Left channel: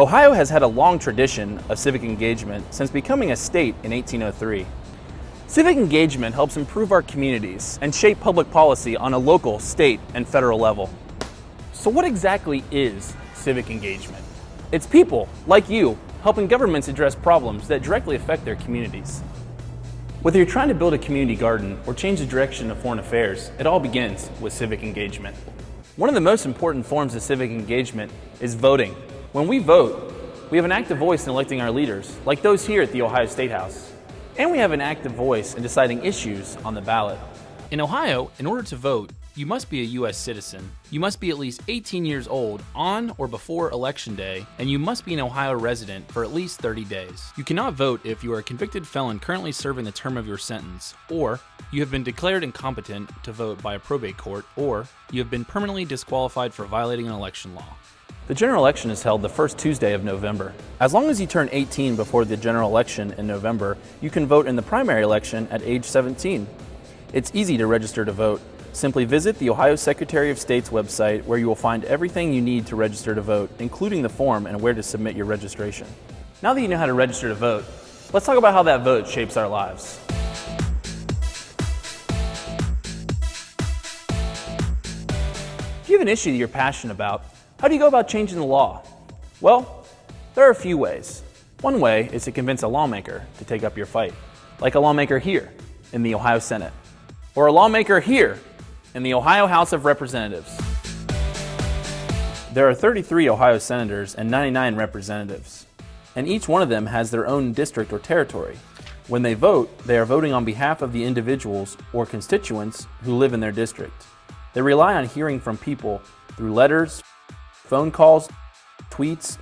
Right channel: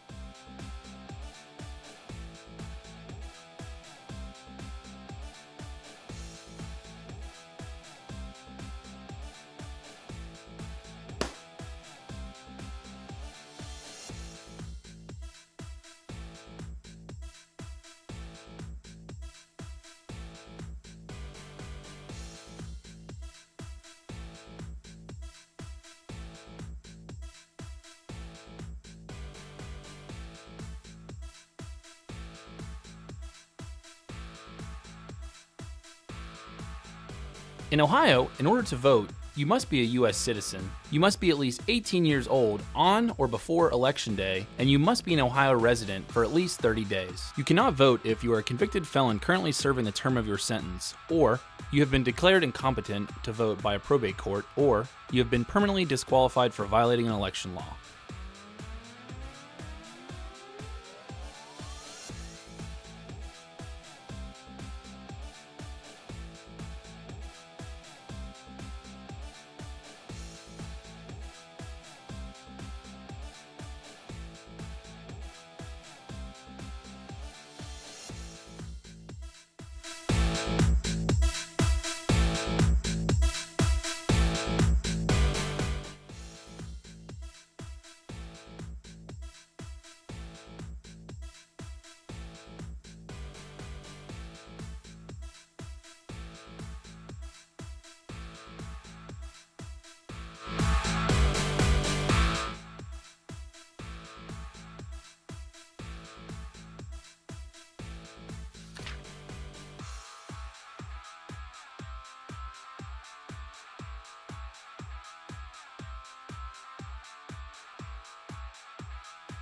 Ohio has had a long tradition of civic engagement since becoming a state in 1803. Civic engagement helps improve our communities and shape public policy on a local, state, and federal level. So what exactly is civic engagement? It's people, like you, helping governments address problems that directly affect their communities. Whether you're trying to build a community garden or change the direction of foreign affairs, it all begins with civic engagement. One of the most important forms of civic engagement is voting. When we vote, we have an active voice in electing our leaders, like those here at the Ohio State House. And we have an active voice in deciding issues on the ballot. In Ohio, in order to vote, you must be a U.S. citizen. You must be at least 18 years old on or before Election Day, and you must be an Ohio resident for at least 30 days. You cannot vote if you are a convicted felon currently serving the term of your sentence, or you have been declared incompetent to vote by a probate court, or you have been permanently disqualified for violating an election law. The general election is held the first Tuesday of November. As long as you turn 18 before the general election in November, you can vote in the primary election at age 17. It's easy to register to vote. Simply visit the Ohio Secretary of State's website, where you will find everything you need to register to vote, including the form and where to submit your registration. Now that you know how to register to vote, let's talk about how that vote shapes our lives. If you have an issue that you're passionate about, how do you go about changing the law? Well, there are a few ways. One way is to convince a lawmaker to take up your fight, like a lawmaker here in the Ohio Senate, or a lawmaker here in the Ohio House of Representatives. There are 33 Ohio senators and 99 representatives, and each one of them has their own district or territory. When they vote, they are voting on behalf of the individuals or constituents who live in their district. They rely on hearing from people through letters, phone calls, tweets,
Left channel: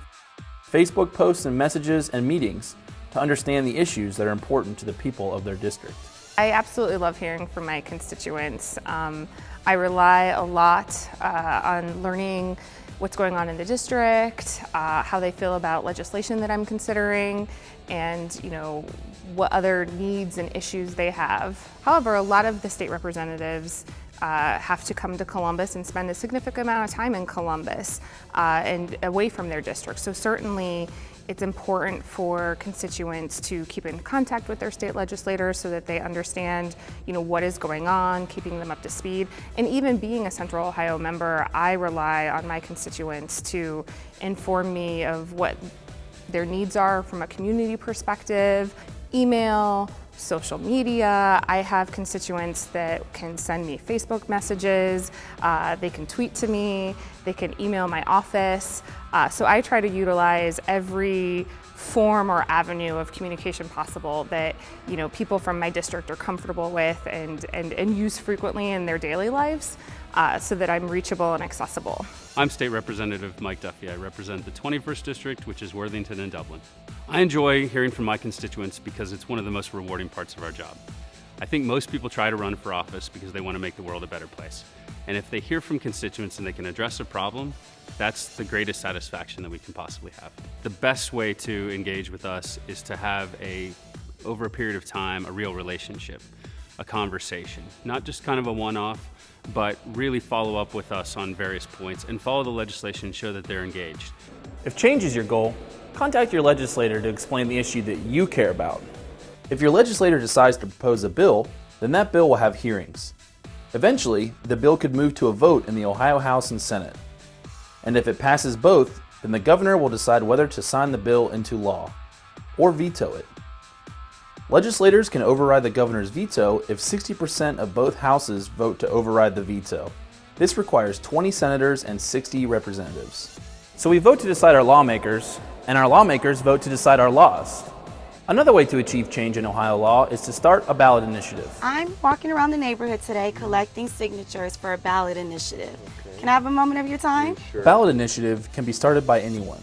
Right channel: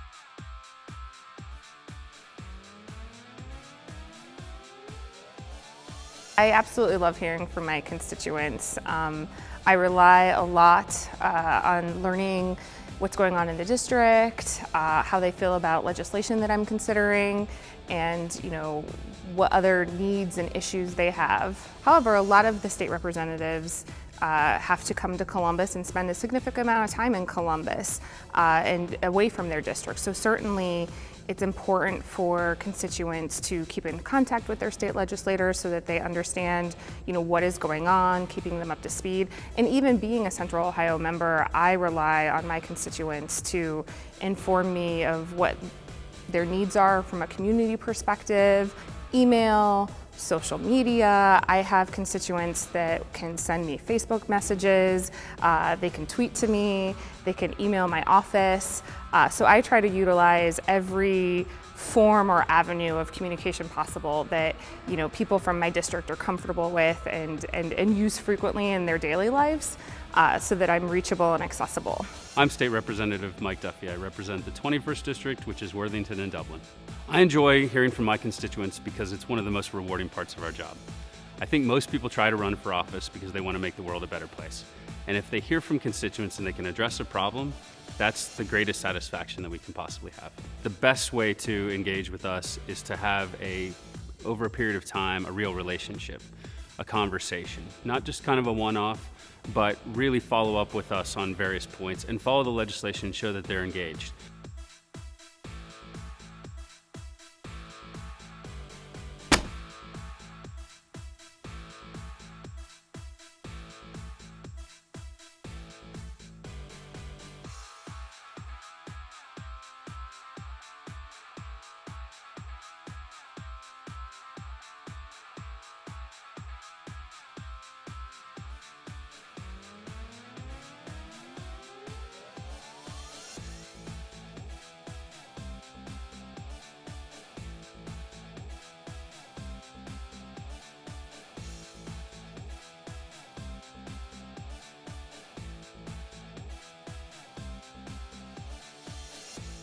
Facebook posts and messages, and meetings to understand the issues that are important to the people of their district. I absolutely love hearing from my constituents. I rely a lot on learning what's going on in the district, how they feel about legislation that I'm considering, and what other needs and issues they have. However, a lot of the state representatives have to come to Columbus and spend a significant amount of time in Columbus and away from their district. So certainly it's important for constituents to keep in contact with their state legislators so that they understand, what is going on, keeping them up to speed. And even being a Central Ohio member, I rely on my constituents to inform me of what their needs are from a community perspective, email, social media. I have constituents that can send me Facebook messages, they can tweet to me, they can email my office. So I try to utilize every form or avenue of communication possible that people from my district are comfortable with and use frequently in their daily lives, so that I'm reachable and accessible. I'm State Representative Mike Duffy. I represent the 21st District, which is Worthington and Dublin. I enjoy hearing from my constituents because it's one of the most rewarding parts of our job. I think most people try to run for office because they want to make the world a better place. And if they hear from constituents and they can address a problem, that's the greatest satisfaction that we can possibly have. The best way to engage with us is to have over a period of time, a real relationship, a conversation, not just kind of a one-off, but really follow up with us on various points and follow the legislation and show that they're engaged. If change is your goal, contact your legislator to explain the issue that you care about. If your legislator decides to propose a bill, then that bill will have hearings. Eventually, the bill could move to a vote in the Ohio House and Senate. And if it passes both, then the governor will decide whether to sign the bill into law or veto it. Legislators can override the governor's veto if 60% of both houses vote to override the veto. This requires 20 senators and 60 representatives. So we vote to decide our lawmakers, and our lawmakers vote to decide our laws. Another way to achieve change in Ohio law is to start a ballot initiative. I'm walking around the neighborhood today collecting signatures for a ballot initiative. Can I have a moment of your time? Sure. Ballot initiative can be started by anyone.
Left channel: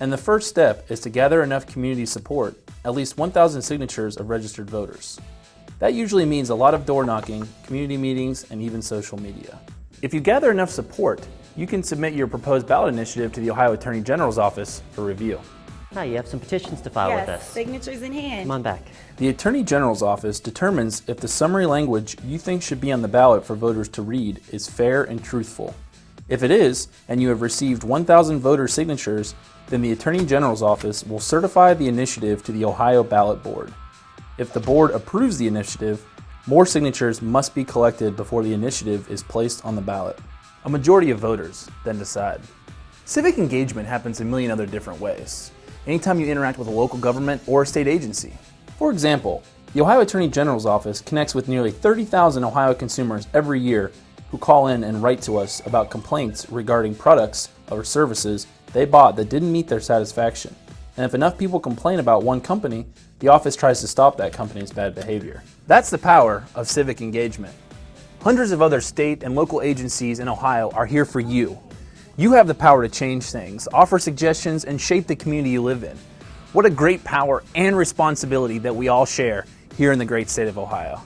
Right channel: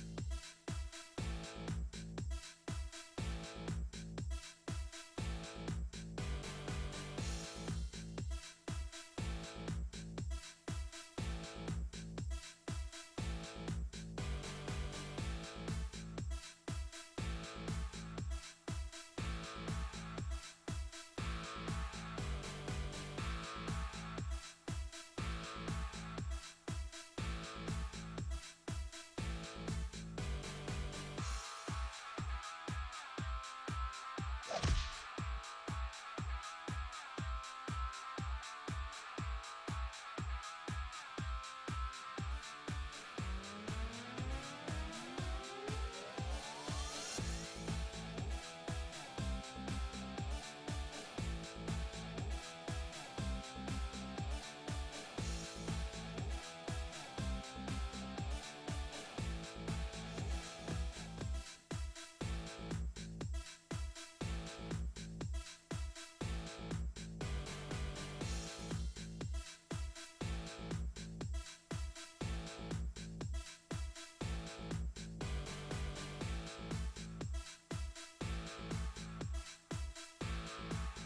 And the first step is to gather enough community support, at least 1,000 signatures of registered voters. That usually means a lot of door knocking, community meetings, and even social media. If you gather enough support, you can submit your proposed ballot initiative to the Ohio Attorney General's office for review. Hi, you have some petitions to file with us. Signatures in hand. Come on back. The Attorney General's office determines if the summary language you think should be on the ballot for voters to read is fair and truthful. If it is, and you have received 1,000 voter signatures, then the Attorney General's office will certify the initiative to the Ohio Ballot Board. If the board approves the initiative, more signatures must be collected before the initiative is placed on the ballot. A majority of voters then decide. Civic engagement happens a million other different ways. Anytime you interact with a local government or a state agency. For example, the Ohio Attorney General's office connects with nearly 30,000 Ohio consumers every year who call in and write to us about complaints regarding products or services they bought that didn't meet their satisfaction. And if enough people complain about one company, the office tries to stop that company's bad behavior. That's the power of civic engagement. Hundreds of other state and local agencies in Ohio are here for you. You have the power to change things, offer suggestions, and shape the community you live in. What a great power and responsibility that we all share here in the great state of Ohio.